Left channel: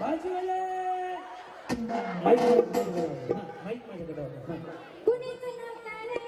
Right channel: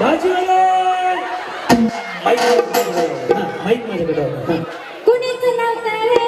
भाजीवाला mic माझ्याकडे कुणीच नव्हतं रे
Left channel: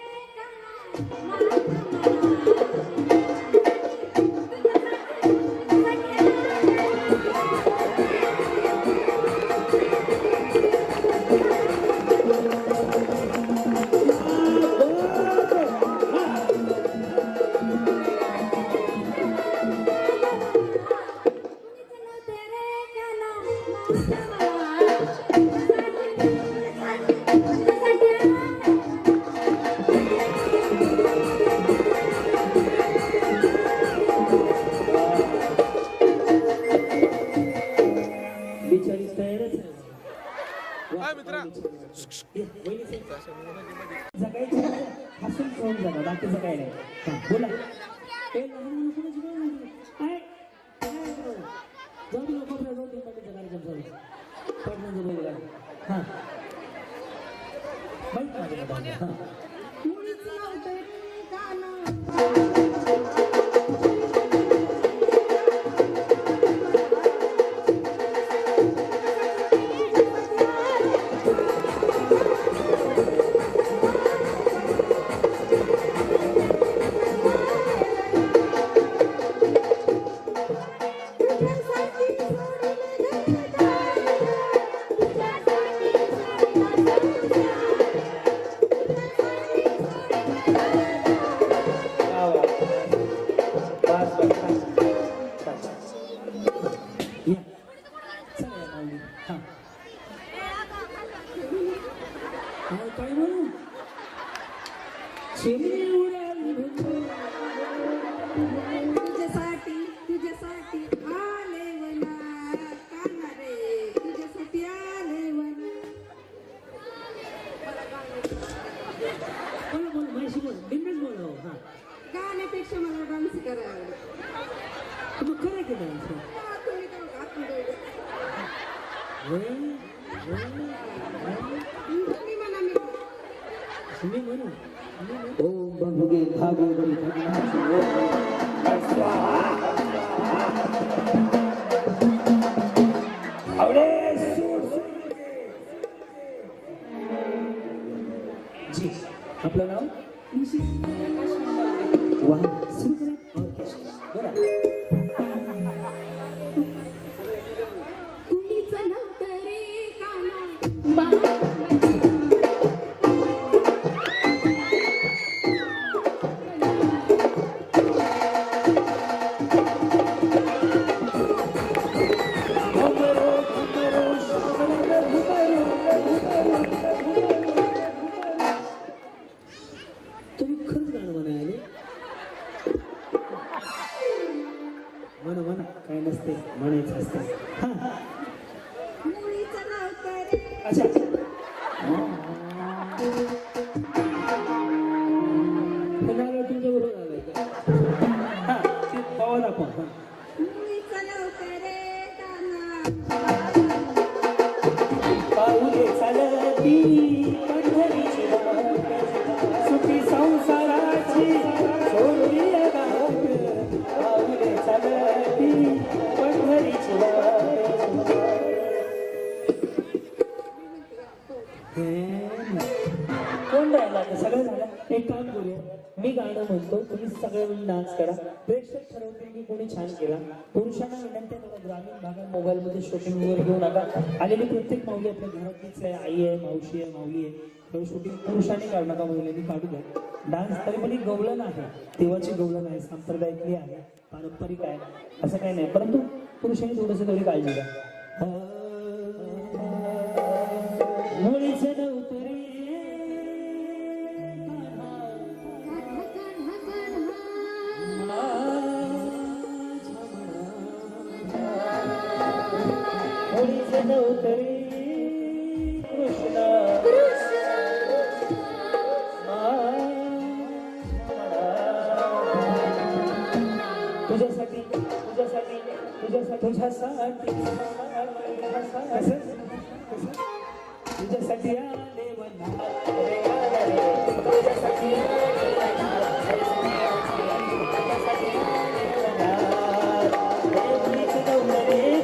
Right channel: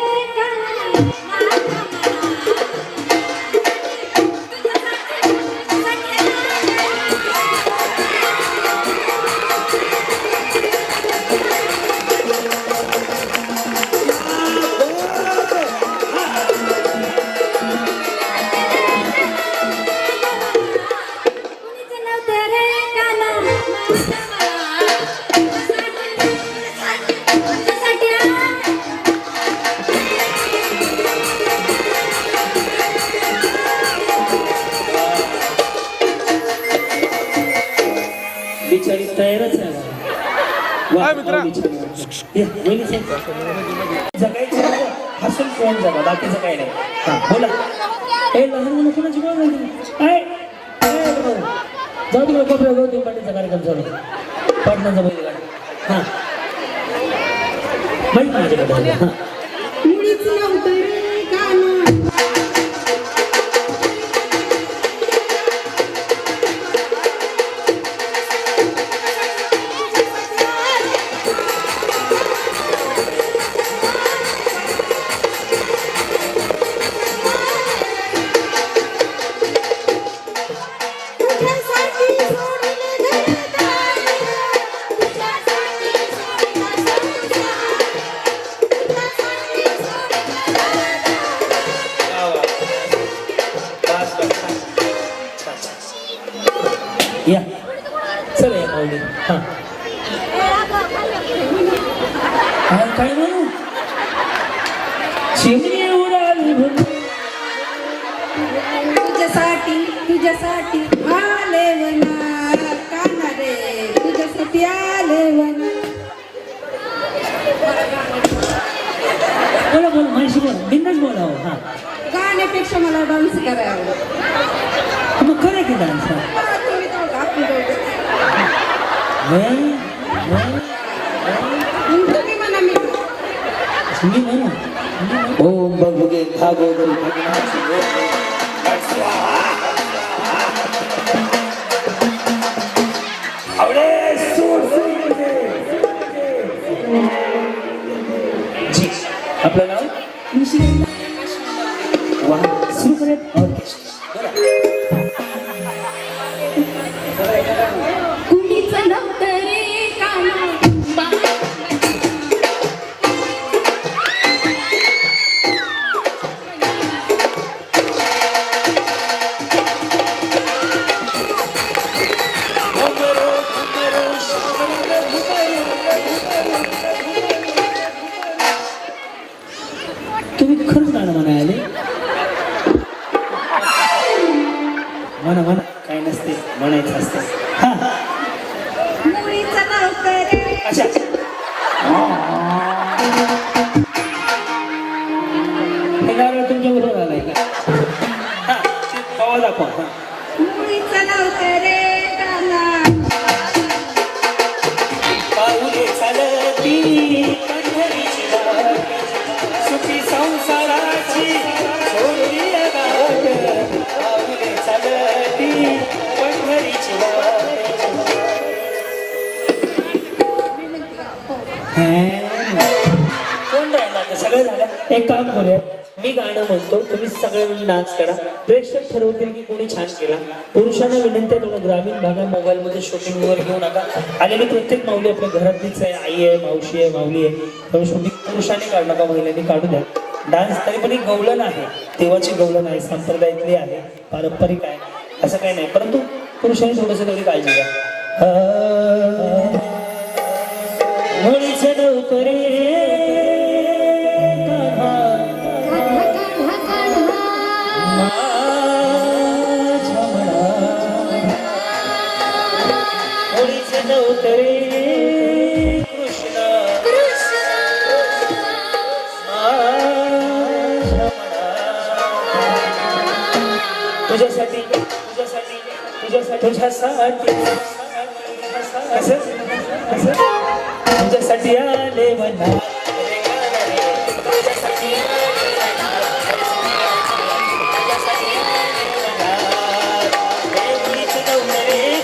बिचारी तयारच आहे जगायचं हसून फोन जगा बाकीचं काही नाही. हा बोला. हे लहान मुलं कोणाची बोल काय जाऊ तिकडे कोपऱ्या जाऊ पाठीचा कार्यक्रम चालू पाटणाचा बैलगाडी. हा माहित माझ्याकडे. हा कुणीच नव्हतं रे काना या चला या माऊली. हा काय म्हणू चिमणी उडाली तुझ्यासाठी आले वना काना रे तुझ्यासाठी आले वना. बोला बोला माझी बोला बिंदास बोलावं. हा गाण्यापेक्षा मला डान्स करायला आवडतो. मग करे की डान्स. तुम्ही म्हणा मी म्हणू ओम बघुगे भागोदरी भगवान आवडे जी आपलं नाव वा सुरू करूयात ऑर्केस्ट्रा. कुणीच नव्हतं रे काना तुम्ही खरंच गाणं म्हणायले म्हणा म्हणा काय नसते म्हणायचं असते. हा मुळीच नव्हतं रे. अच्छा हे गाणं तुमच्या बरोबर आलंय का. हा ते पावा दाखवा. हा मुळीच नव्हतं रे काना पाऊले चालती पंढरीची वाट सुखी संसाराची सोडली गाठ. पाऊले चालती पंढरीची वाट. कोण राहिला आता सगळं झालं. एक काम करूया मी गाणं म्हणतो तुम्ही सगळे मिळून डान्स करा. प्रेक्षक ठरवतील की कोणी छान केला. पुरुषांना विनंती आहे थोडं ग्रामीण भागात मोबाईलमध्ये शूटिंग वगैरे घेऊ नका. आलेली प्रत्येक माऊली आपल्या घरातलीच आहे. आई आहे मावशी आहे माऊली आहे. त्यामुळे शूटिंग पुरुषांनी काढू नका महिलांनी काढू द्या. डान्स तरी पण एक गवलन आहे देवाची गवलन आहे संप्रदायातली आहे पारंपरिक आहे असं काही नाही परंतु पुरुषांनी थोडंसं तेवढी काळजी घ्या. मुळीच नव्हतं रे नव्हतरे कृष्ण तुझ्यासाठी तुझ्यासाठी तुझ्यासाठी तुझ्यासाठी आले म्हणा तुझ्यासाठी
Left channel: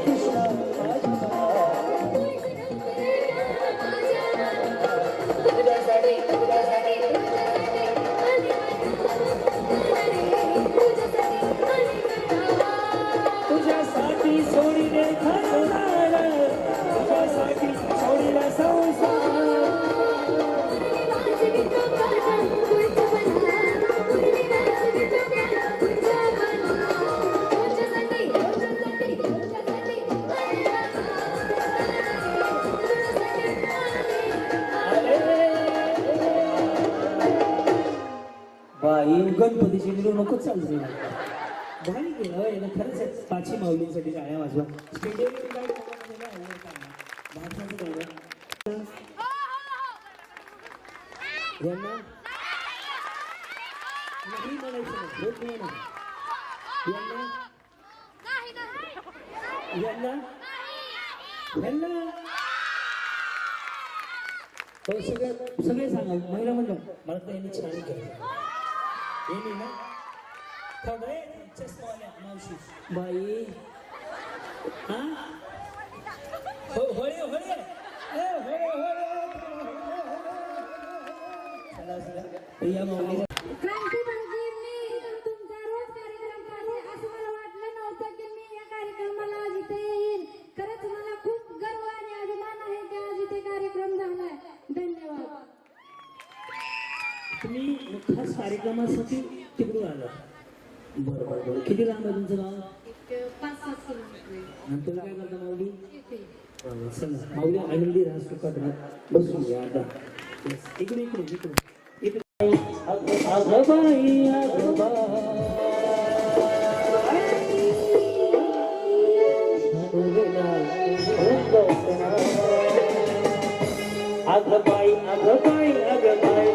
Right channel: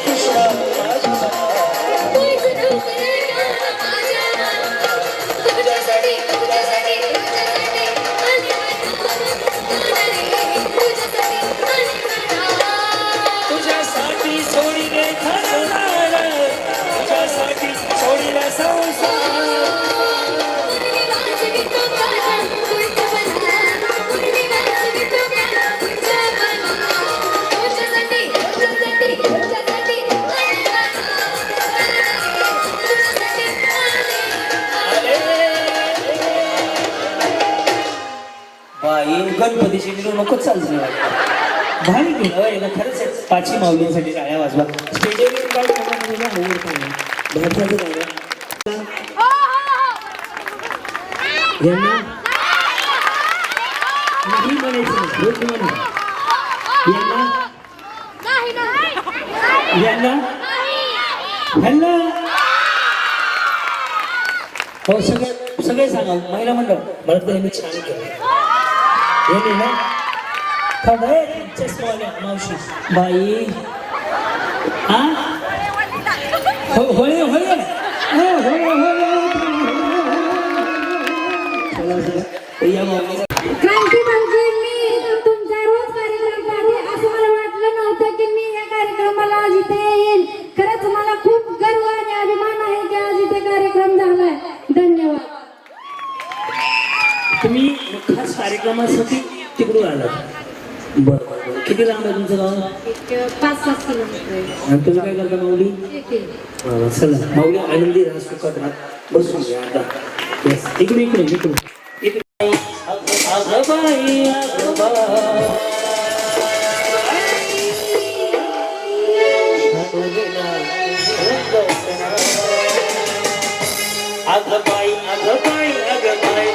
कृष्ण गणपतीची मिरवणूकच चालली वाटतं. भारी केलं एकदा खरंच आहे. पाची माऊलींसाठी टाळ्या वाजवा. स्टेजवर येऊन काय करणार तुला आवडतं ना भारताचं गाणं यांना नाही म्हणायचं नाही, रोज म्हणा. यांना ह्यांना हो सगळे सांगा महिला मंडळ मला तर यांनी छान केलं. यांनी ना चष्मावाल्या मावशी बाई हा हो होळे होळे हो होळे होळे या माऊलीचा क्रांती भाऊजी, मी तुमचा रोज कार्यक्रम पाहते. असं मला वाटलं नव्हतं की मी या कार्यक्रमाला आज इथे येईल. खरंच मला खूप गर्व आणि अभिमान आहे की आज इथे कार्यक्रम झालाय. धन्यवाद. तुम्ही खास कार्यक्रमासाठी तिकडून आलात. बरं बरं बरं. किती लांब आहे तुमचं गाव? 5-7 किलोमीटर. आणि तुम्ही काय करता माऊली? चला माऊली आनंदी राहा, सुखात राहा. बसून घ्या आता. येस इकडे इकडे इकडे इकडे. अगं बाई अगं बाई अगं बाई अगं बाई अगं बाई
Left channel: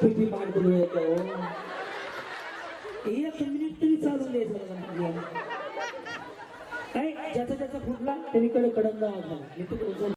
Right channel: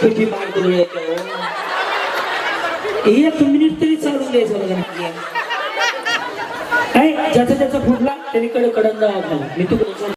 किती मार्ग येतो. एक मिनिट तरी चालून द्यायचं बघा. काय ज्याचा ज्याचा फुटला त्याने कडन जावा खाला. मी तिकडून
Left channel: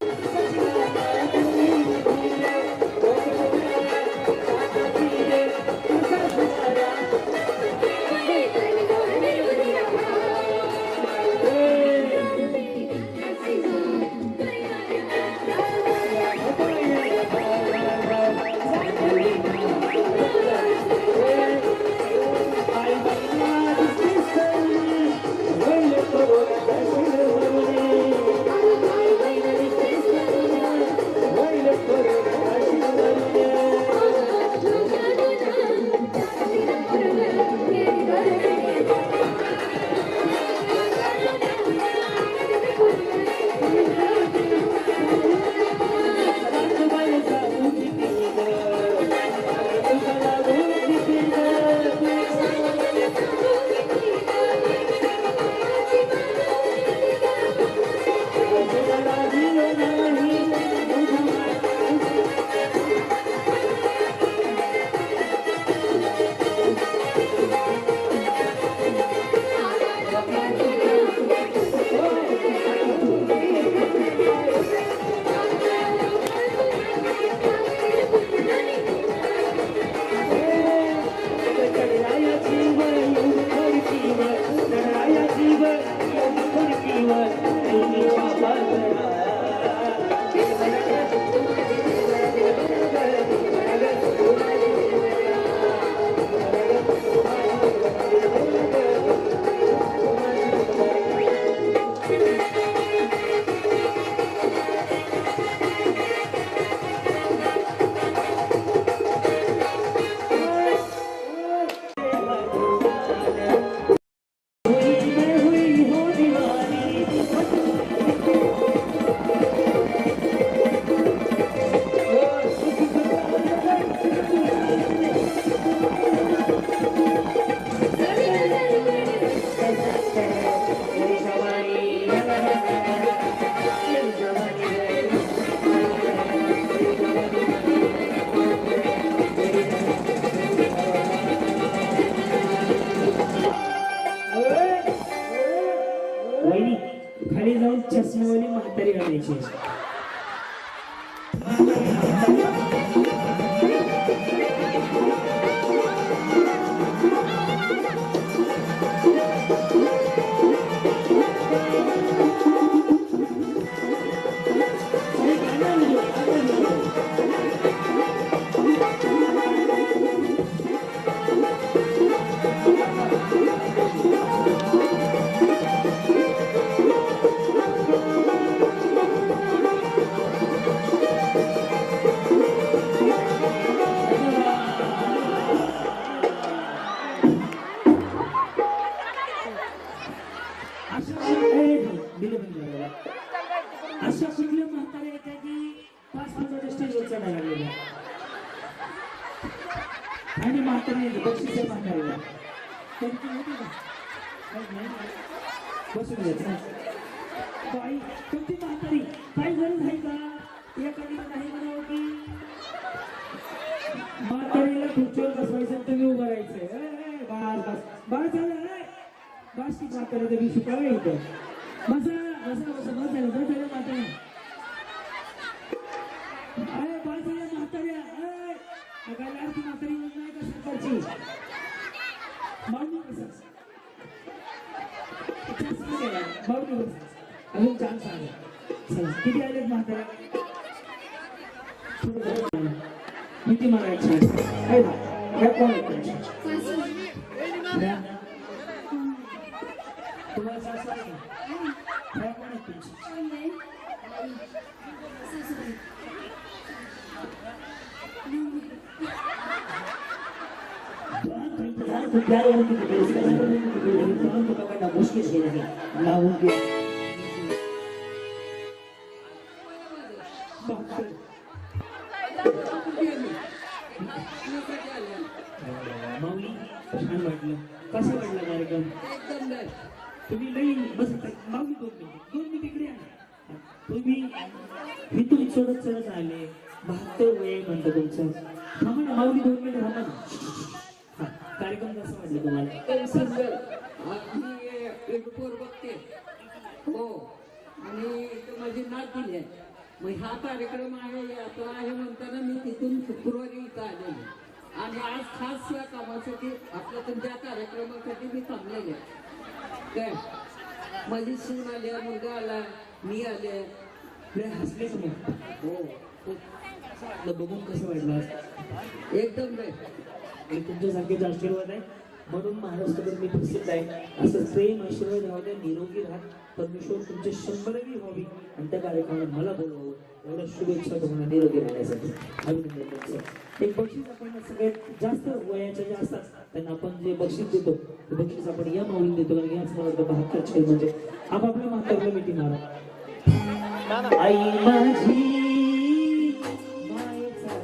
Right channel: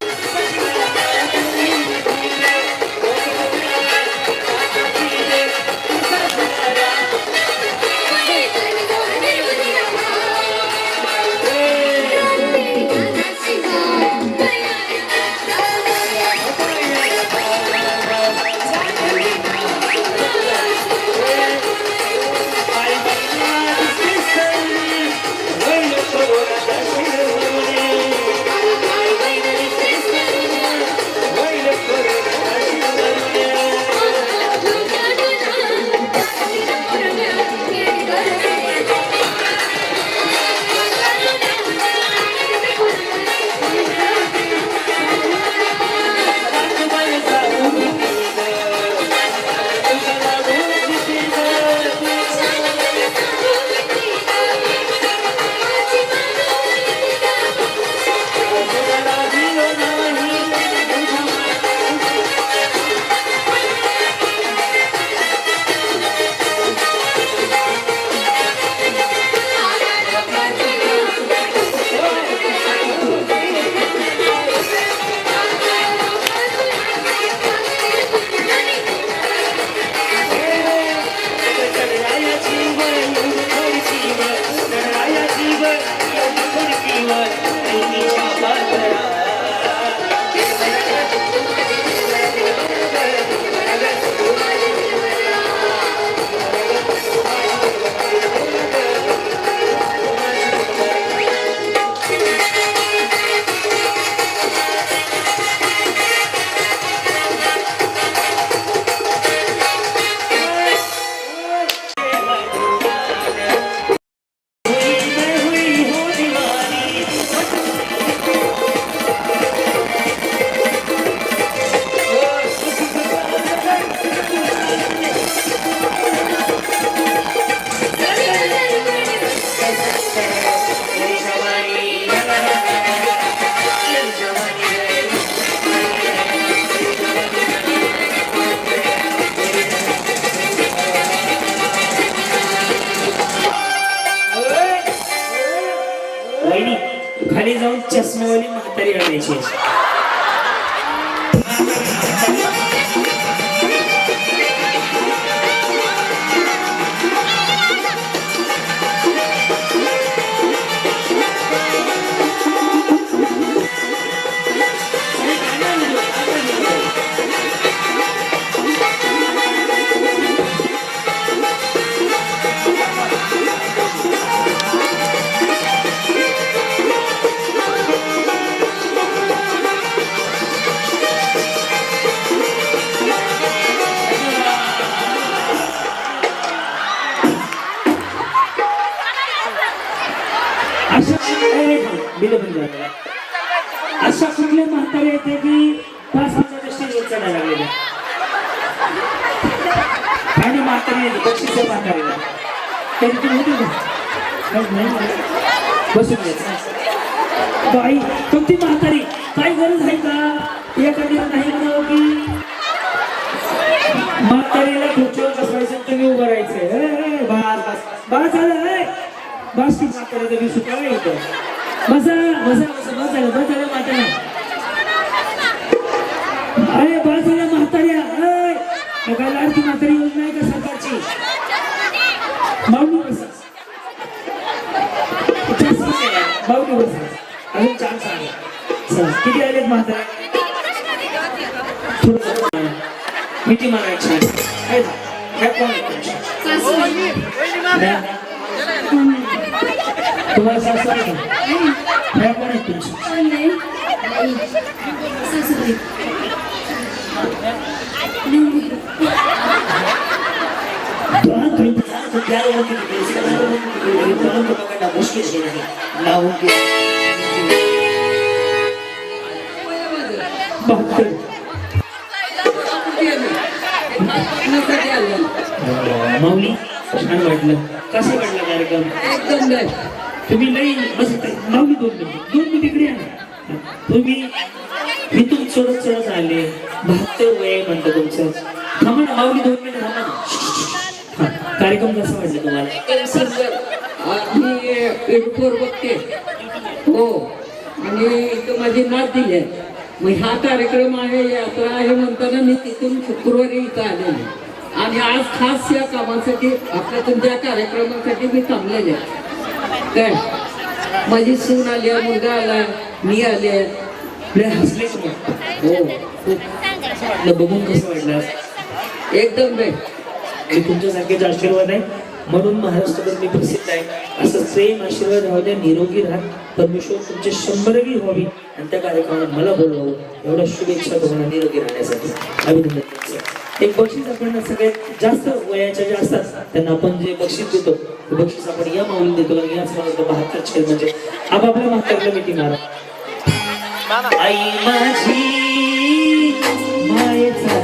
खाली जाऊन चष्मेवाली म्हातारी आणायची. अशा कुठले म्हातारे येते की 5 मिनिटाच्या स्टेजवर चढायला लागलेले आणि म्हातारे बक्षीस म्हातारेला तरी तुम्ही होते का नाही बसून घ्यायचं बाई तुमची म्हातारी काय गरज आहे का एखाद्या नाही म्हणावं की म्हातारीला खुर्चीवर बसवायचं तुम्ही उभं राहायचंय बस झालं बस ती म्हातारी तरी सुद्धा इथं बसा बसा बसा बस झालं म्हाताऱ्या अरे बस झाल्या म्हाताऱ्या काय लाडकी म्हातारी योजना आहे का सरकारची माऊली बसा माऊली बसा अजून छान सांगा किती आलेत म्हाताऱ्या थोडं किती म्हणायचं ह्या कोण आहेत तुम्हाला सासू आहे का ह्या कोण आहेत तुमची माऊली छान वाटलं कसं वाटलं कार्यक्रम एकदम तुम्ही नाही मस्त माऊली 2 मिनिट इकडे या तुम्ही मी तुम चढत आले 72 वय म्हणतो तुमचं थांबा ना माऊली 2 मिनिट थांबा ना कार्यक्रम कसा वाटला तुम्हाला सुंदर मी युट्यूबवर बघते हो आणि इथं माझी नात दिली आहे मग हा कार्यक्रम आहे यात्रा आहे म्हणताना मी तिथून शुक्रवारी इथं आलेली आणि आज खास या कामासाठी आपल्या तुमच्या कार्यक्रमासाठी मी थांबलेले आहे काय माझी सून आली आहे मुलगा आला मी आले आपले हसले का मग हो वाटलं बघून कसं वाटलं एकदम नाही आणि तुमच्यासारखेच आशीर्वाद आहे म्हणून महाराष्ट्रभर मी प्रसिद्ध आहे असं सेम आशीर्वाद राहू द्या निरोगी राहा परमेश्वर तुमचे 100वी व्हावी आणि त्या कार्यक्रमात मला बोलवावं एवढ्या शुभेच्छा तुम्हाला निरोगी राहण्यासाठी अभिनंदन तुमचं एक बक्षीस आपण सगळ्यात जास्त वयाच्या ज्या असतात त्यांना आपण जे बक्षीस देतो ते बक्षीस आपण या माऊलीला देतो कारण याच मला 72 छेद म्हणजे आपापल्या म्हातारीला मिठी मारा आई माझी मायेचा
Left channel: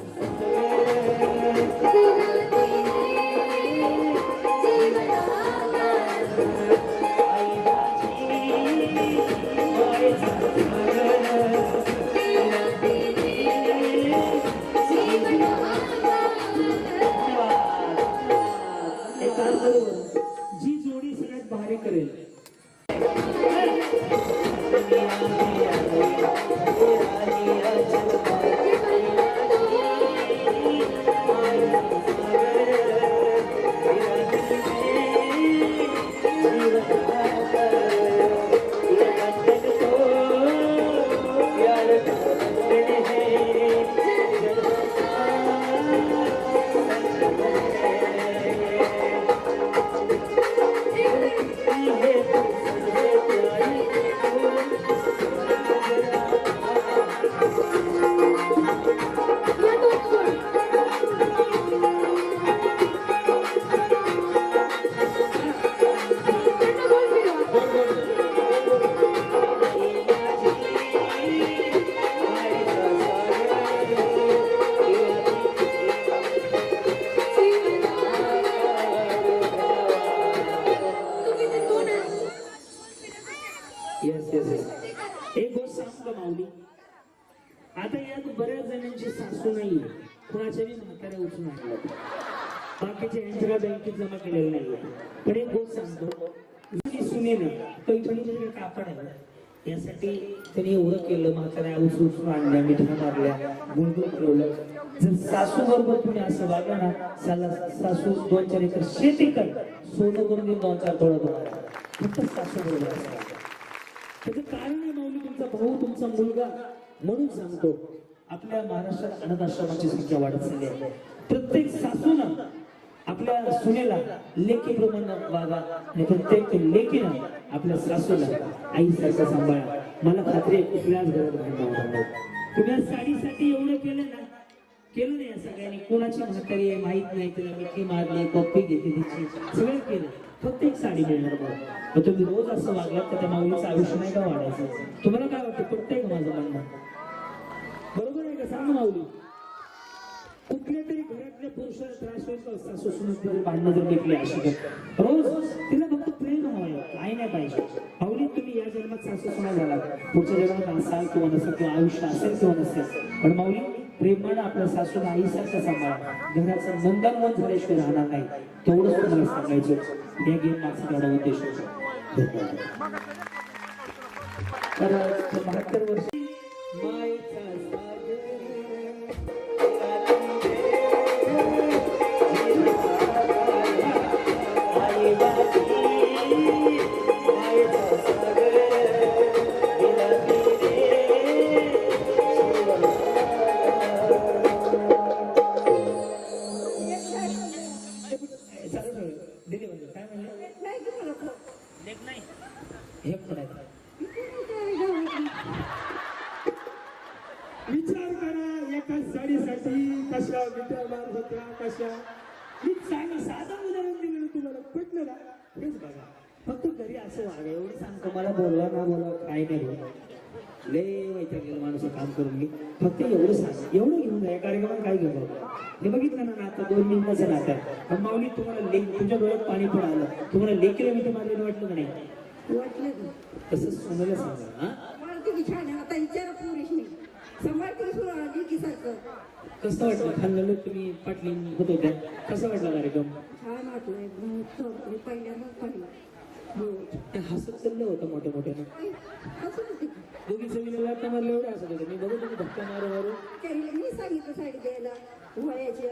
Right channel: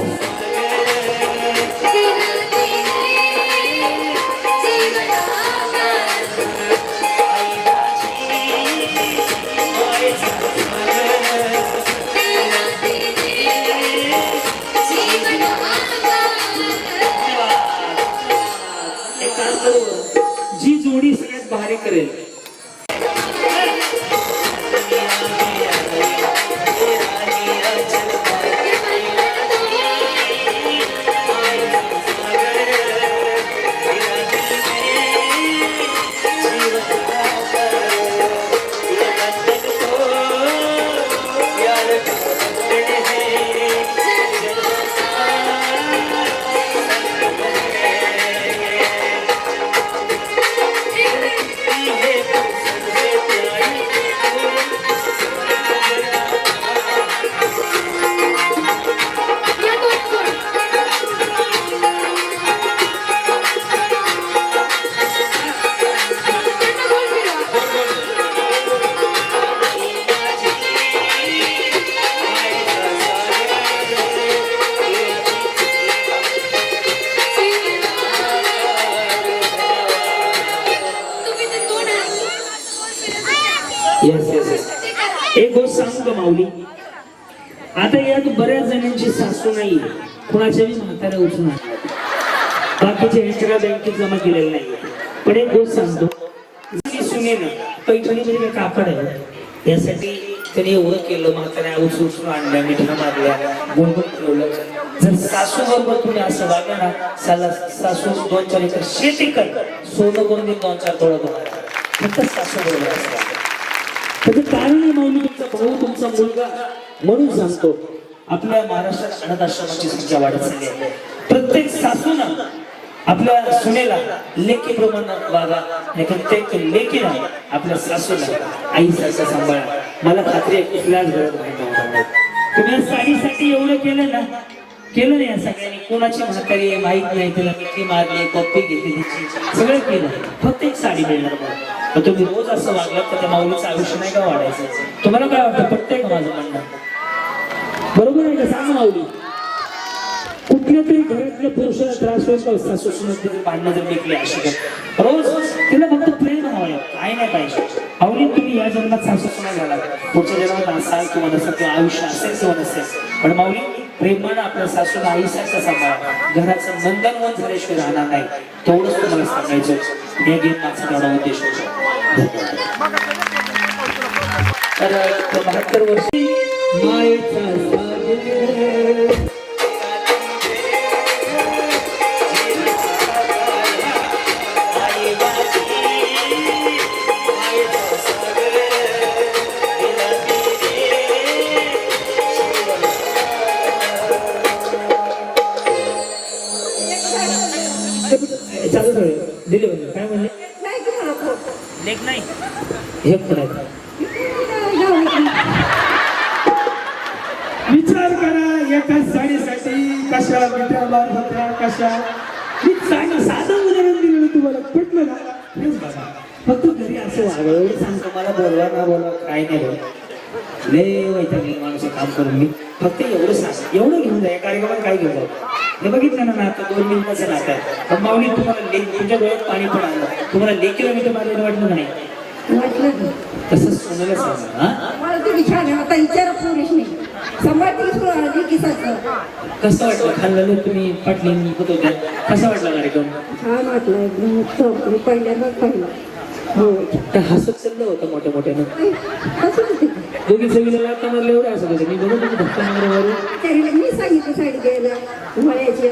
जी जोडी सगळ्यात भारी करेल एक गोष्ट सांगू का माऊली आता यात बऱ्याच जणांची सासू नाही कुणाच्या बी म्हाताऱ्या उचलून आणल्या बाकीचे एक्स्ट्रा बँकेत जमा केलेले नाही पण एक गोष्ट सांगतो सुनेनं पैठणीमध्ये काय कापड आहे यासाठी त्यांनी एवढं केलं म्हाताऱ्या उचलून आणल्या मिठ्या मारल्या गुणगुण ठेवलं जर सासू बरोबर तुम्ही असं वागला ना सासू 2-4 एकर शेती कर सोनं करून देईन 2-4 तोळा तुम्हाला फक्त सासू बरोबर असं त्याचं कारण आहे माऊली तुमचा भाऊ तुमचा मुलगा म्हणून सांगतो आपल्या महाराष्ट्रात अनाथ आश्रमाची संख्या वाढत चालली आहे प्रत्येक सासूनं आपल्या सुनेला लेकीप्रमाणे वागा आणि प्रत्येक लेकीला आपल्या सासूला आईसारखं सांभाळा मला खात्री आहे कुठल्याच घरात माहिती तुम्ही साडीसाठी एवढं केलं ना केलं नाही या सगळ्यांनी. कोणाची म्हातारी आहे माहित नाही, तिला मिठी मारली, पप्पी घेतली तिची, सगळं केलं. फक्त एक साडी मिळणार मला. तर तुम्ही रोज असं वागलात तर त्या माऊलीचं आयुष्य नाही का वाढायचं? तुम्हाला काय वाटतं? पटतंय का माझं म्हणणं? बरोबर आहे का? सांग माऊली. कुठल्या तरी घरातल्या पुरुषाला त्रास होईल का? सासू सुनेत भांडणं जर लेखली अशी तर रोज तिला फक्त प्रेम हवं, काय नाही पाहिजे. आवडी तुम्ही या जन्मात सासू सुना झाला, पुढच्या जन्मात असाल किंवा नसेल किंवा आयुष्य असेल किंवा नसेल, पण माऊली प्रेमानं आपल्या सासूला आईसारखं सांभाळा. घराचं नंदनवन झाल्याशिवाय राहणार नाही. तेवढंच तुम्हाला सांगायचं. या गेम मागचा तेवढा उद्देश होता. तर 72 वर्षी मायेचा सागर चालू ठेव. दिले म्हणजे काय म्हणले? लेख नाही हे पण आहे. विचार करा एका साडीसाठी कशा मिठ्या मारत होत्या, कशा. मी साधं उदाहरण दिलेलं तुम्हाला, पटलं ना? हेच बघा. फक्त घरी असं वागलं एवढं सांगतो. मला बोलवा ना बोलवा काय नाही बोल. लय वैतागली माणूस काम करून. मी फक्त एवढं सांग, एवढं घेऊन जा. या कार्यक्रमात काय घेऊन जाऊ? हे बघितलं ना आता 2 मिनिटाचं नातं आहे. पण माऊली तुम्हाला लेख, तुमच्या डोळ्यात पाणी पण आलं. तुम्हाला लेखीला मी तुम्हाला वाटलं नाही? वाटलं तसंच सोनाला सांगा. हा मला तुम्ही छान आहे. आता विचार पुरुष नाही संभाजी किसाचं कसं वाटलं? खाल्लं तुम्ही पाटली होत होत्या. कसा वाटला कार्यक्रम? छान वाटलं एकदम उत्तम. मी पहिल्यांदाच पाहिलं. हो त्या हसत चाललं होतं मोठ्या मोठ्यानं. कसं होते दोघी सगळीला लागता मारले एवढे हसत होते. मी बघत होते धक्का मारवारू. तरी मी सांगितलं साडी घ्यायला वळ्याची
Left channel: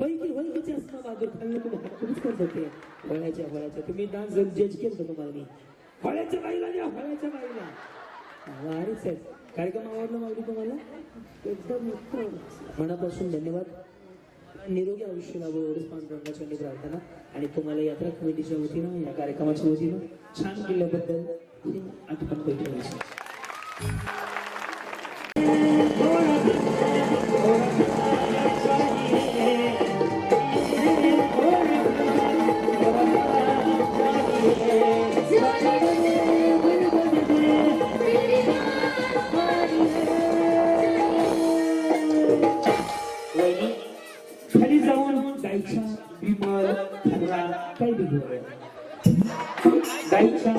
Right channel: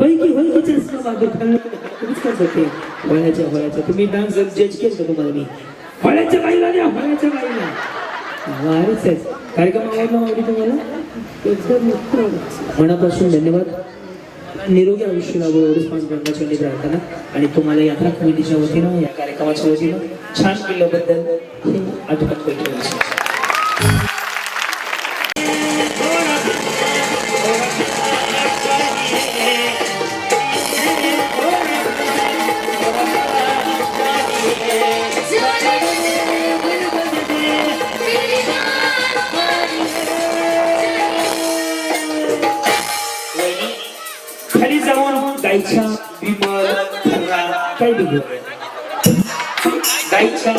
वैकीच्या बहादूर खाल्लं तुम्हीच करत होते. वळ्याच्या तुम्ही डान्स जज केलं तुम्हाला मी. वळ्याच्या बाईला द्या, वळ्याच्या बाईला. वारीच आहे. कार्यक्रम आवडला माऊली तुम्हाला? एकदम उत्तम. मनापासून धन्यवाद. निरोगी आयुष्य लाभो एवढंच पाच ब्रह्माची प्रार्थना. आणि तुम्हाला यात्रा कमिटीच्या वतीनं, या कार्यक्रमाच्या वतीनं छान केल्याबद्दल हे आठवण पैकी. खाली जाऊन गायच्या विमल खर्रा काय बघू. गायच्या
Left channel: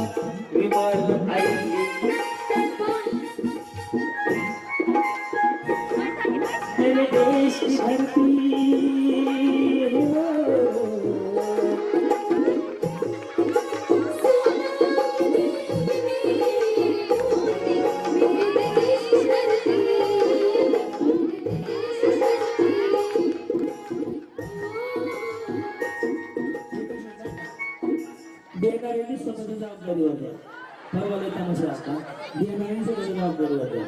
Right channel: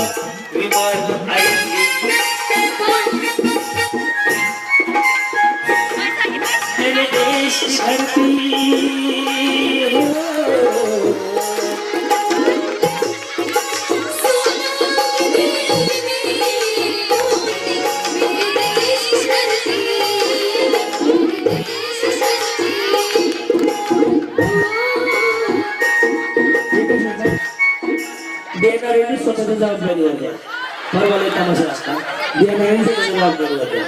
विमल आई मेरे देश की धरती देणाऱ्यांनी स्वतःची जबाबदारी होत्या. बरोबर तमाशा असता. देणाऱ्यांची स्वतःची जबाबदारी होत्या.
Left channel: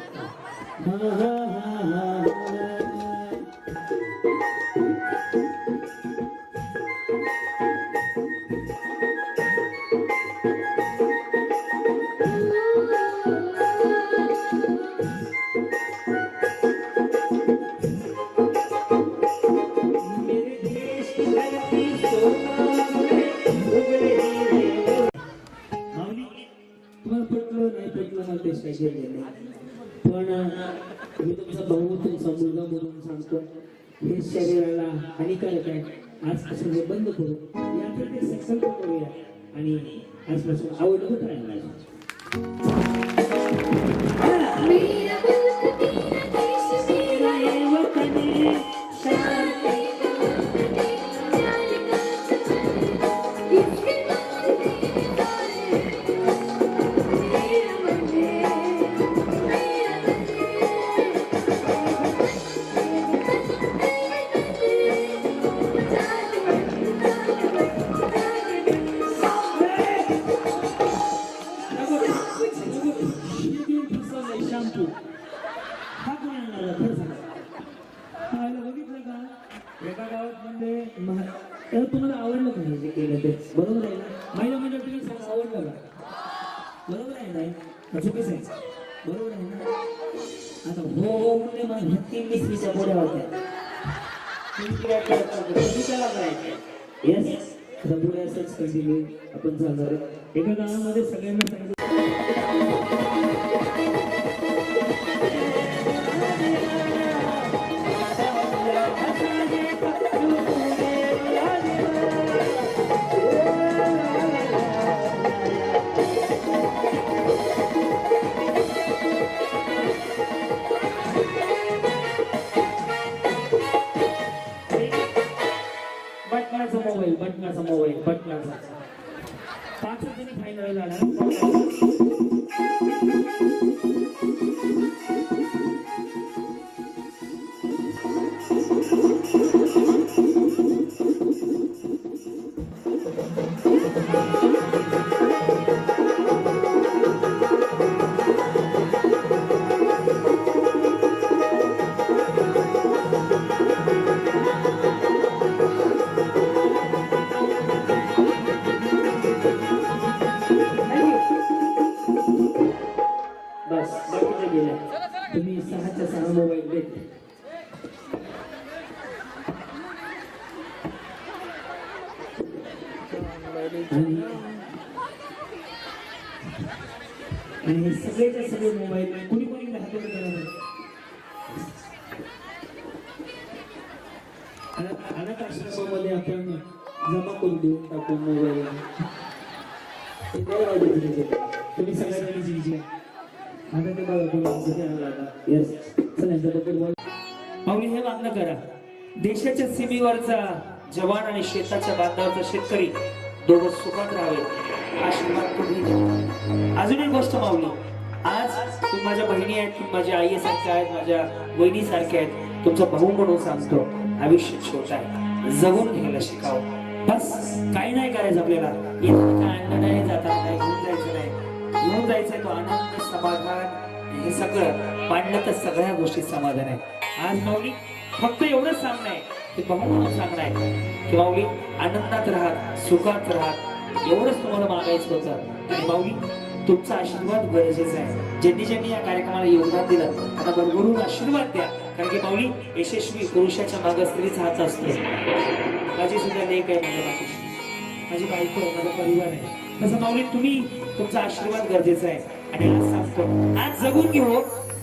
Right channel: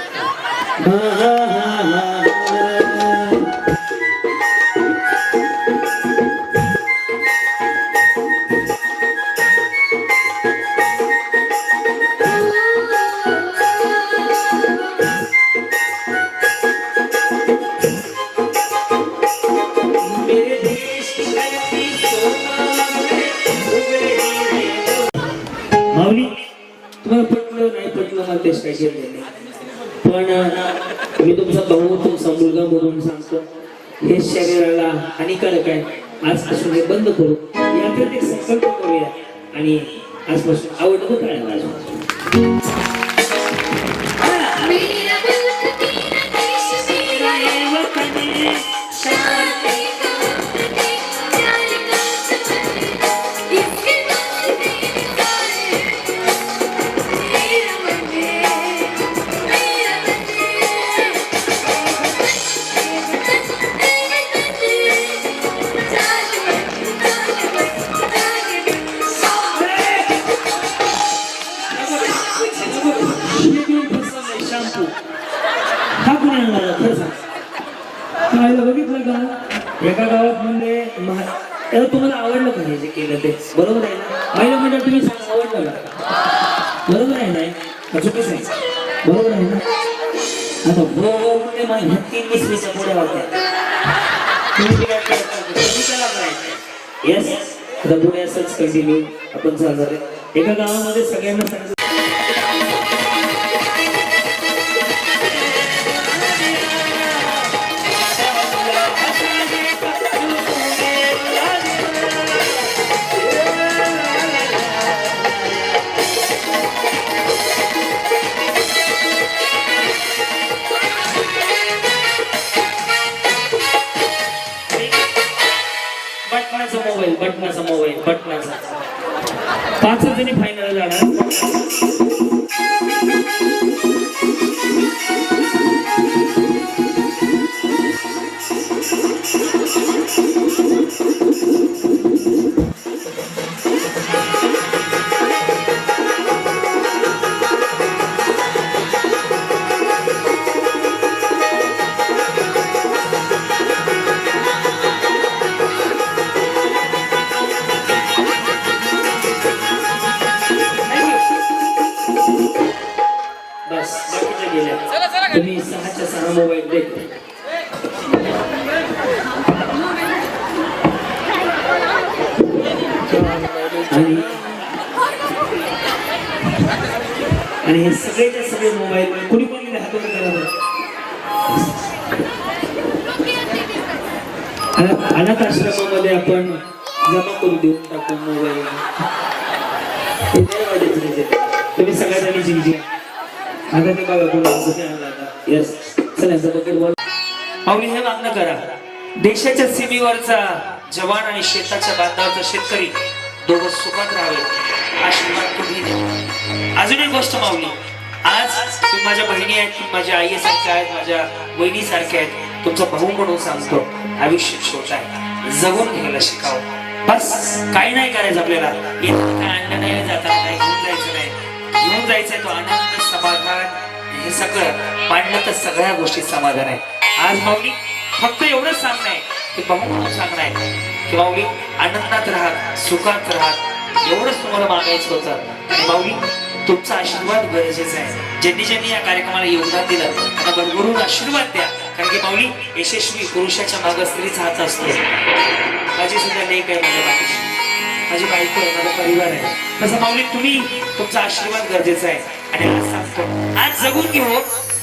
माऊली तुम्हाला पटलं नाही पटलं मला तेच काही घेतलं नाही. पण मी तुमचा भाऊ तुमचा मुलगा म्हणून सांगतो, हे शरीराला हानिकारक आहे. आजपासून हे बंद करू. यात एक संकल्प करूया आणि आजपासून आवडतं काय माझं. हा कोणी आणला खरं सांग. बघितलं का एका गावात म्हणजे त्याला तुम्हाला आवडलं का हे जे केलं ते? बरोबर आहे ना? महिला मंडळ तुम्ही सांगा आवडलं का? बरोबर आहे ना? चुकीच आहे. बरोबर आहे ना? आता मध्ये माझ्या 3 मिसळीच्या पुढे होत्या. तुम्ही काय करता? तुम्ही त्याला करायचं. येस, आता पुढे असंच कंटिन्यू आपण चालणार आहे. एका गावामध्ये सगळ्यांना सांगितलं बटनाचा मोबाईल 5 जणी फायनल जाणार. बस बाकीच्या गेल्या. तुम्ही 6च्या 6 मोबाईल देत. आणि हे सगळेच्या सगळे मोबाईल कुणी कोणी हातून करा. अनाथ आश्रमामध्ये आपण जमा करून देऊन टाकू मोबाईल. तुम्ही सगळ्यांनी जिंकली. आता ते बघा कोणी आता. येस, चला बकेट बॉल. पाहुणे हे मागणं करा. देशाच्या सीमेवरचा जवान आणि शेताच्या बांधावरचा शेतकरी दोघं सुखात राहावे आशीर्वाद तुम्ही द्या. अजून एक गोष्ट माऊली, आज तुम्ही माझ्या बहिणी आहेत, तुम्ही माझ्या आईसारख्या आहेत, माझ्या वहिनीसारख्या आहेत. तुमचा भाऊ म्हणून सांगतो, आयुष्य छोट आहे, जगून घ्यायला शिकावं. बस काही नाही करायचं आपल्याला. इथं काय आणलं नाही, जाताना नाही, घेऊन जायचं नाही. घेऊन जायचंय तो आनंद, समाधान, हे सगळं मांडलं तर सगळ्या गोष्टी समाधान आहे. आज माऊली फक्त एवढंच सांगणं आहे की भाऊ म्हणून सांगणं आहे की माऊली आनंदात राहा, सुखात राहा, एवढंच तुम्हाला मागायचं होतं. आणि माऊली तुमचा आशीर्वाद गरजेचा आहे. ज्यांनी ज्यांनी या कार्यक्रमाला योगदान दिलं त्यांना भरभरून आशीर्वाद द्या. कारण की माऊली यशस्वी पुरुषाच्या मागे स्त्रीचा हात असतो. माझी सुद्धा लेख आहे, माझ्या बाकीची माझी बायको आहे, माझा परिवार आहे. तसं माऊली तुम्ही तुमचा आशीर्वाद गरजेचा आहे. आणि आज सांगतो, आज जगून घेऊ.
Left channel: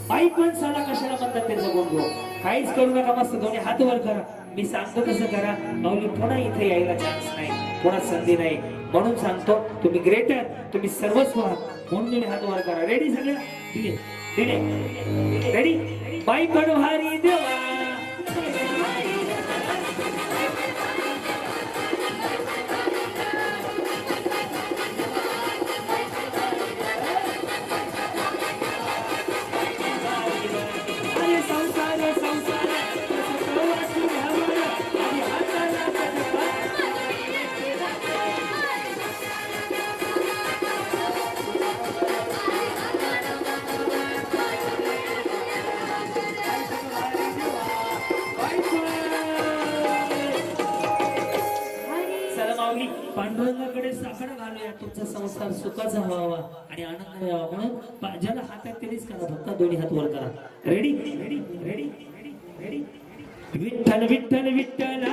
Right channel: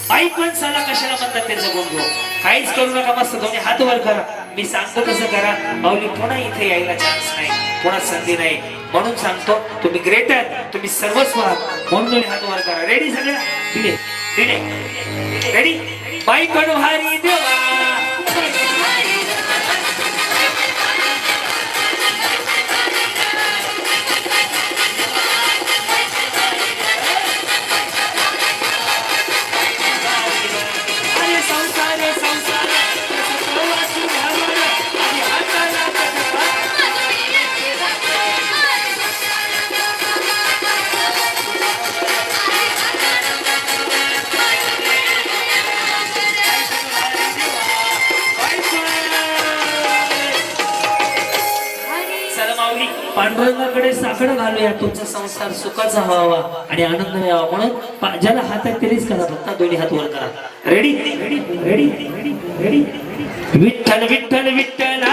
बाईक माणसाला कशाला म्हणतात ते जगून घेऊ. काहीच करू नका, मस्त दोन्ही हात वर करा. मी सांगतो तसं करा. माऊली पुन्हा इथे यायला चान्स नाही, पुन्हा संधी नाही. म्हणून सांगतो, तुम्ही ग्रेट आहात, तुम्ही सर्वस्व आहात. म्हणून दोन्ही हात वर करा. रेडी सगळ्या? दिले दिले रेडी. बाईक भारी देवा पांडुरंगाकडे साकडं घालूया. तुमचा संसार सुखाचा व्हावा आणि आनंद यावा. म्हणून ज्याला हात आहे तेच करा, फक्त दोन्ही हात वर करा. Ready ready ready ready. Vitthal Vitthal Vitthal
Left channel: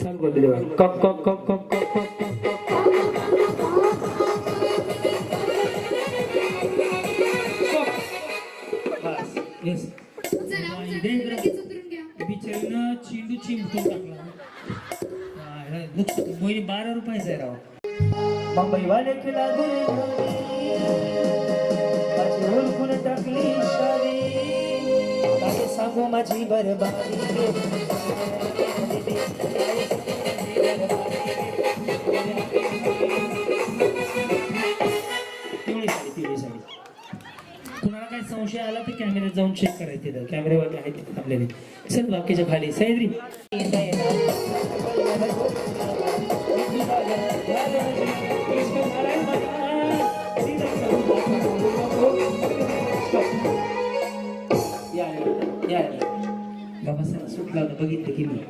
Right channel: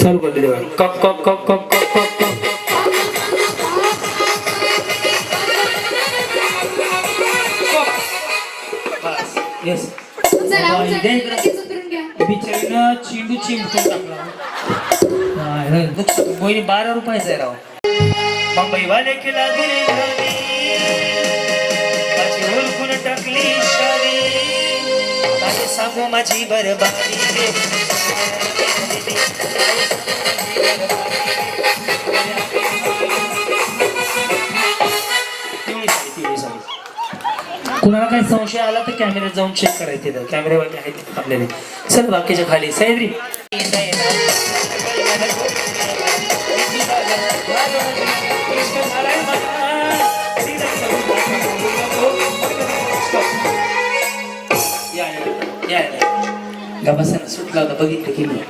चालू करते देवा. Cup cup cup cup cup cup cup. Yes, बिचारीनं चेंडू चिंबून टाकला. कोणी 12 रुपयाचा आहे राव. मुंबईवाले केला गिरे माझी ओळखून टाकली शादी. काय सांगू माझी बरबादी रे कुणाला काही संशय आला तर कॅमेऱ्यात जाऊन चेक करायचे कॅमेरेवाले आहेत आपल्याला. चल बाकीच्या खाली सह्याद्री गबासानं सुटला होता बघितलं की नाही.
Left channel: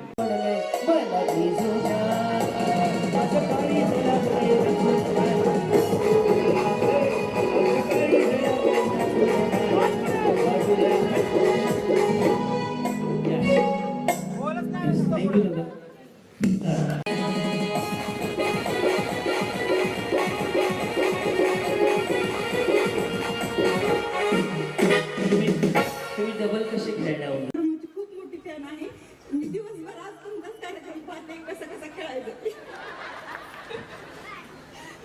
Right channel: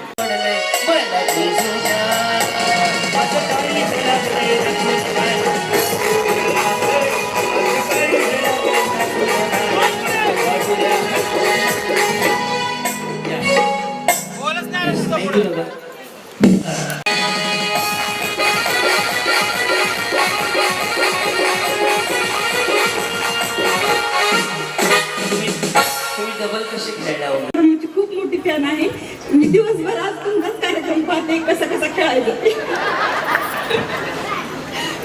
डबल कसे खेळला माझी खूप मोठी फॅन आहे. मी दिवसभर आज तुमचाच कार्यक्रम पाहते कसा कसा खेळायचं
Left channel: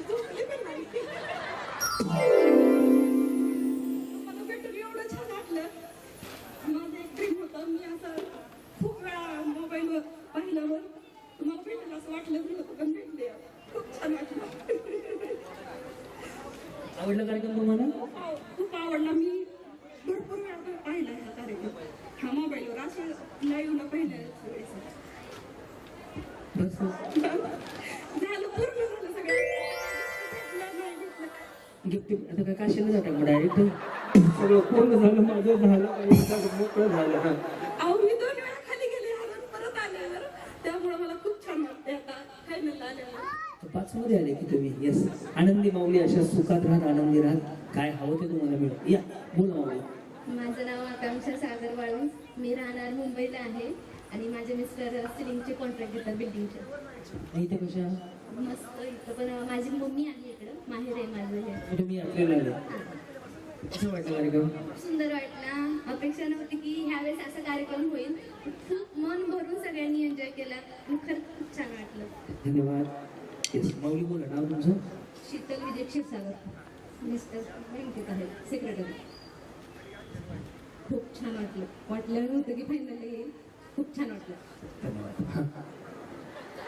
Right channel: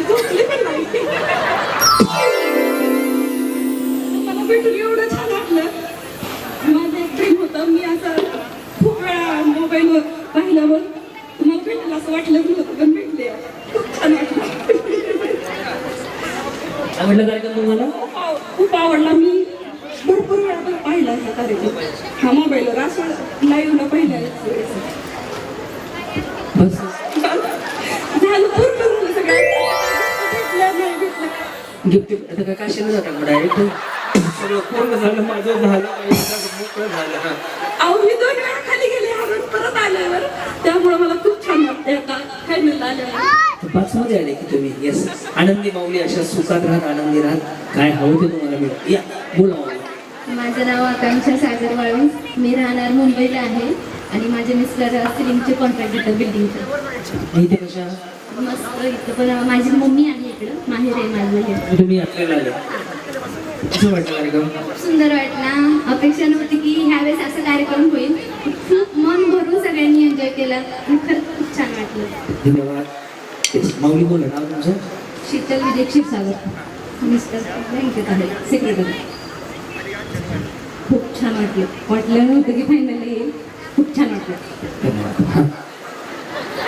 झोपले पण नाही. मला भेटून एवढं छान वाटलं. माझं एक ड्रीम होतं. मी असं खूप वेळा मोबाईलवर पाहिल्यावर तुम्हाला भेटेल असं वाटलं नव्हतं पण भेटले. खूप छान वाटलं. आवडला कार्यक्रम तुम्हाला? खूप आवडला. मी भरपूर वेळा पाहिला हा कार्यक्रम. हा मोबाईलवर असं लाईव्हला पाहिला. बस झालं पूर्ण झालं सगळं. भेटलं नाही भेटलं. गिफ्ट आता काय काशीला जातात मग डायरेक्ट सगळं पूर्ण झालं माझं झालं मोकळं झालं. हा अहो मी 2 वेळा खाली गेले हरून परत आल्यावर त्यामुळे मला खूप छान वाटते आता फायनल आल्यावर. 5 मध्ये आले की तुम्ही. येस आनंदी माऊली अशा सुखात राहत आनंदी राहत काय हवं ते तुम्हाला मिळेल. या बोला माऊली. माझं नाव आकांक्षा सागर वाळून. मी राहणार मुंबईला आहे आणि माझे मिस्टर सिलिंगचे कॉन्ट्रॅक्ट देतात बिल्डिंगचं. इथे कशा मस्त इथं पण माझी मम्मी आहे इकडं माहेर आहे माझं हे. तुम्ही यात्रेला आले कसं वाटलं कार्यक्रम? खूप सुंदर वाटला. अपेक्षा नव्हती की ह्यावेळेस असा कार्यक्रम होईल. खूप मन भरून सगळ्यांनी एन्जॉय केला आणि खरंच खूप छान वाटलं. धन्यवाद. येस माऊली बोला नाव तुमचं? शीतल विजय क्षीरसागर मिस्टर बँकेत आहे सेक्रेटरी. खूप छान वाटलं नव्हतं की फायनल येईल. खूप छान वाटलं. धन्यवाद.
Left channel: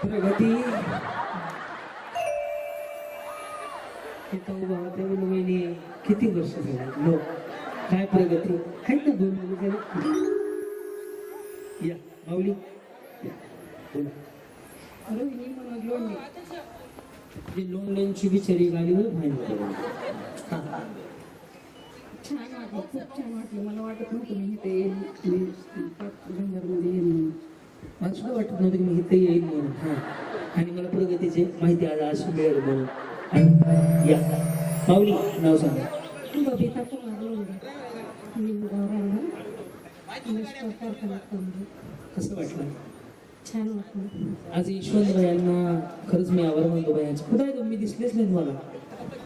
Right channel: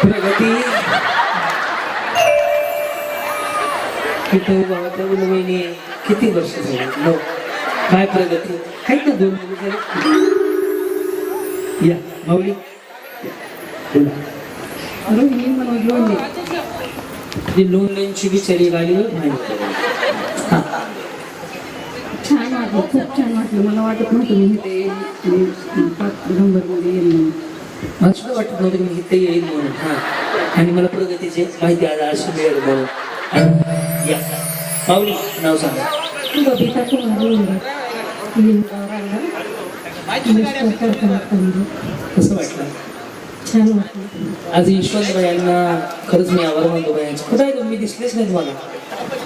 प्रगती किती भावाच्या मुलगी किती वर्ष झाली नो काय प्रगती आहेत ना 2 मुलं झाली. या माऊली बोला. रोहिणी मनोज लोणले. जी लोणल्यांची बिचारी गाडीवर माहिती छान वाटलं. खूप छान वाटलं. मला वाटत नव्हतं मी ते 5 नंबरमध्ये येईल म्हणून. मला सुद्धा वाटत नव्हतं की मी इथे येईल म्हणून. हां आणि मला प्रगतीची माहिती आज अशी मिळेल म्हणून. या माऊली नाव सांगा. बबिता कुमार लोणले. कसं वाटलं? छान वाटलं. आज यशवंत भैयांना खरंच मी आभार मानतो. भैयांचे कुठं आहे तुम्ही? दिसलेच नाही तुम्हाला.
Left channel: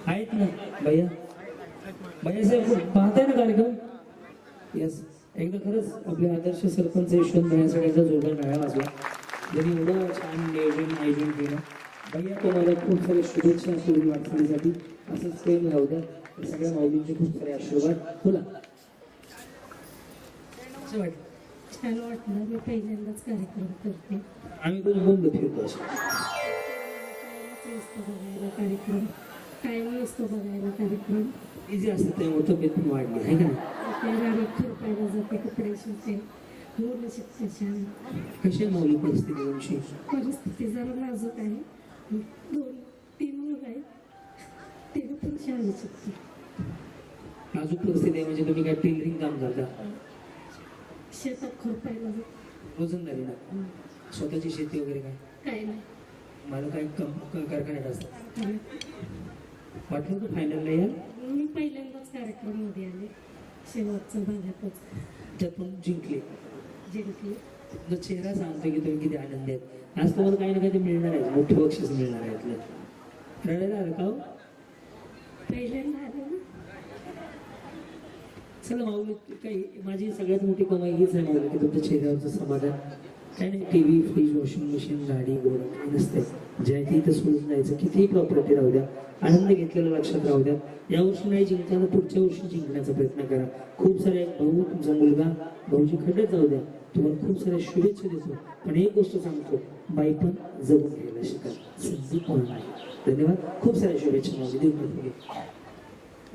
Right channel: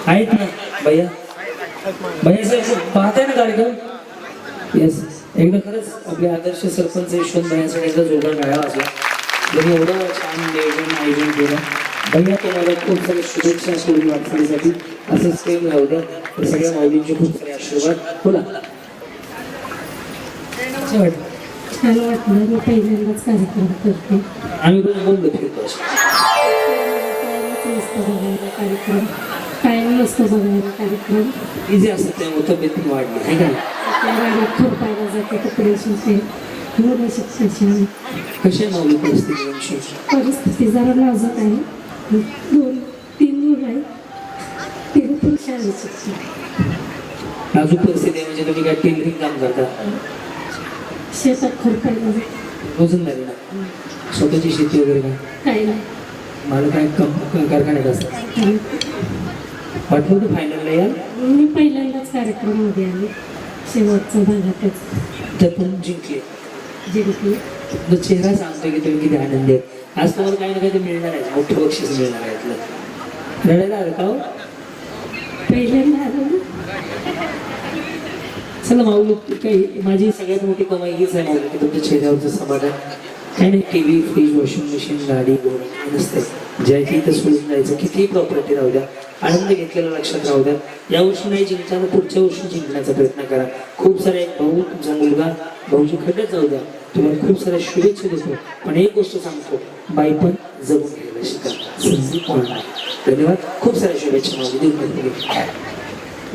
आहेत ना भैया? भैया साहेब पाहताय ना कार्यक्रम? येस एकदा खरंच आपले आदर्श सरपंच यशवंत भैयांसाठी एकदा जोरदार मिळावा असला. त्यांनी एवढं छान आयोजन केलं. भैया तुम्हाला खूप सारे शुभेच्छा सोडून वाटण्यासाठी असंच प्रेम राहू द्या. तर सगळ्या माऊलींचे खूप सारे आशीर्वाद. बोला कसं वाटतं? छान वाटलं. मी पहिल्यांदाच कार्यक्रम करते. आम्ही पण बोललो फिरतो असं. मस्त बघायला कार्यक्रम. कायम मस्त बघायला कार्यक्रम. इझी असतं त्यामुळे तब्येत पण वाढली आहे का? आपल्या गाडीत खुरपायला जाते कपडे शिवते. मुलं शिक्षण. कशी आहे माऊली परिस्थिती तुमची? परिस्थिती जरा नाजूक आहे. 2-3 मुलं आहेत. ते पण शाळेत शिक्षण. नाजूक परिस्थिती आहे म्हणजे तुम्ही काय टेलरिंग काम करता? शेतात खुरपायला जाते. रोजंदारी ना स्वतःची शेती वगैरे काय? काही नाही. मला काय कारखान्यात असतात. वाटलं होतं फायनलला यार? मी पहिल्यांदाच कार्यक्रमामध्ये आले. शेवटचा भागातच तर पण जिंकले. जिंकली. तो चेहरा सांगतोय की तुम्ही किती आनंदी आहे. आज तुम्हाला काही ना काही मिळणार आहे. मोठं बक्षीस मिळणार आहे यातलं. रडायला आलं का हो? पहिल्यांदा आलो ना. चला माऊली काही माझी सगळ्यात मोठी कमाई हीच आहे माऊली की तुमच्या चेहऱ्यावरचं समाधान काही नाही, टीव्ही फ्रीज वॉशिंग मशीन गाडी घोडा काही नसतं. ज्या इथं सोडून जायचं, कितीही प्रॉपर्टी राहू द्या, आनंद घेतलेला लक्षात राहू द्या. यावर्षी नाही जिंकताना पुढच्या वर्षी जिंकण्याचा प्रयत्न करा. खूप सारे एक भाऊ, तुमचा मुलगा भाऊजी खड्ड्यात जाऊ द्या. तुम्हाला खूप साऱ्या शुभेच्छा देतो. पण एक गोष्ट सांगतो, बाई पण जगून घ्यायला शिका, संधी कोणाला. धन्यवाद. खूप साऱ्या शुभेच्छा माझी देऊ.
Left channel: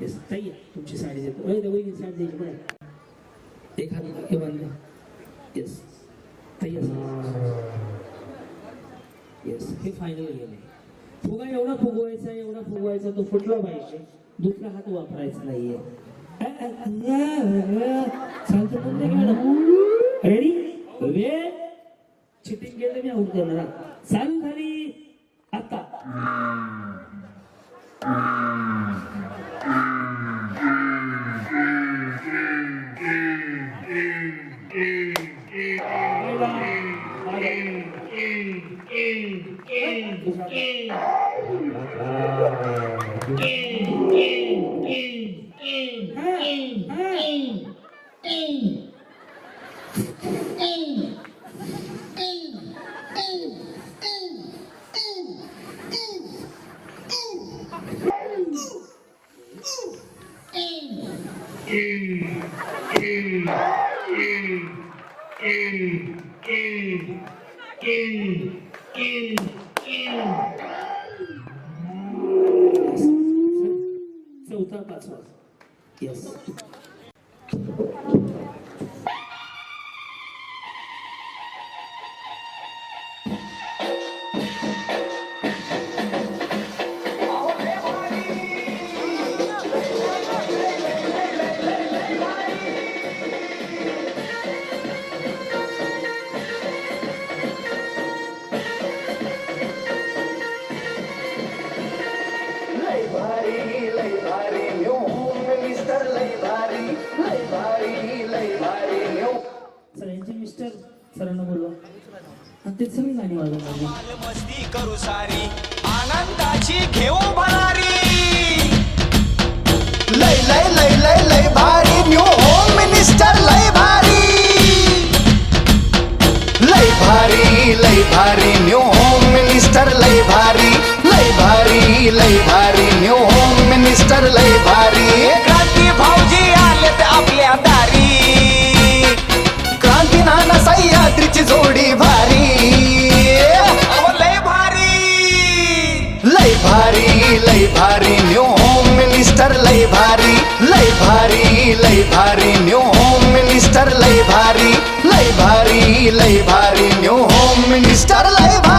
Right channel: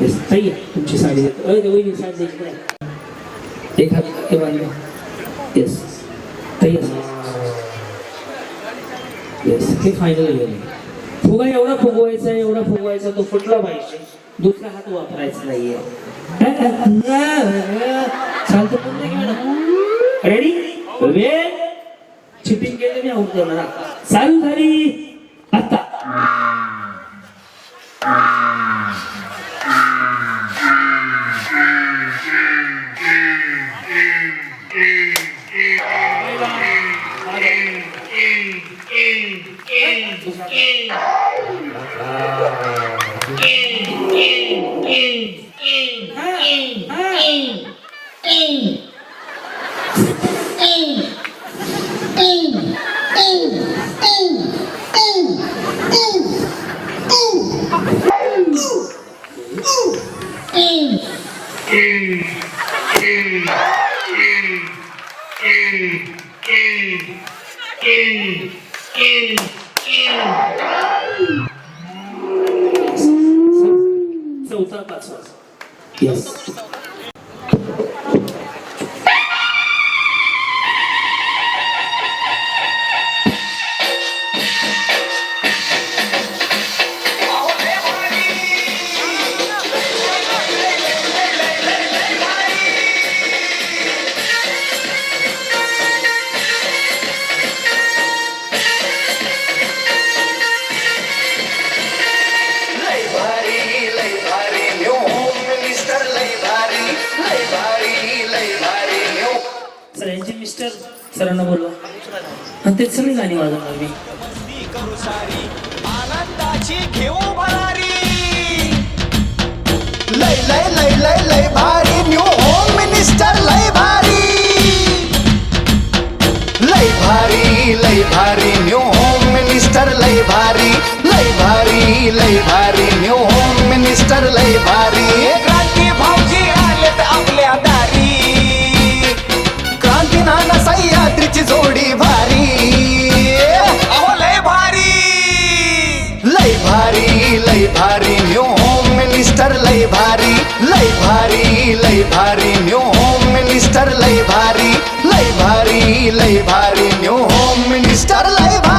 येस ताई, तुमची साडी देतो. वहिनी साडी द्यायची काय एक हात हे बांधलं. येस ताई, येस हे फायनल गेले. फुगा एवढा फुगवायचा तो फुटला पाहिजे, दुसरा हात वापरायचा नाहीये. चालतं पण नाही मॅडम. रेडी वेळ चिटिंग केलं मी आऊट करणार. चालू झाली आता. चौथा पाचवा. येस सर, यांचे मिस्टर सरांना बोलवा आणि ते सगळी गाणी वाजवणार मी. मस्ती करू सारी आनंदाची घेऊ भरारी. लय लय लय लय लय भारी न्यू होम मिनिस्टर लय भारी. लय भारी न्यू होम मिनिस्टर लय भारी. लय भारी न्यू होम मिनिस्टर लय भारी. क्रांती भाऊजी आलेत आपल्या दारी. क्रांती नाना सह्याद्रीची जोडी भारी. लय भारी न्यू होम मिनिस्टर लय भारी. लय भारी न्यू होम मिनिस्टर लय भारी. लय भारी न्यू होम मिनिस्टर लय भारी.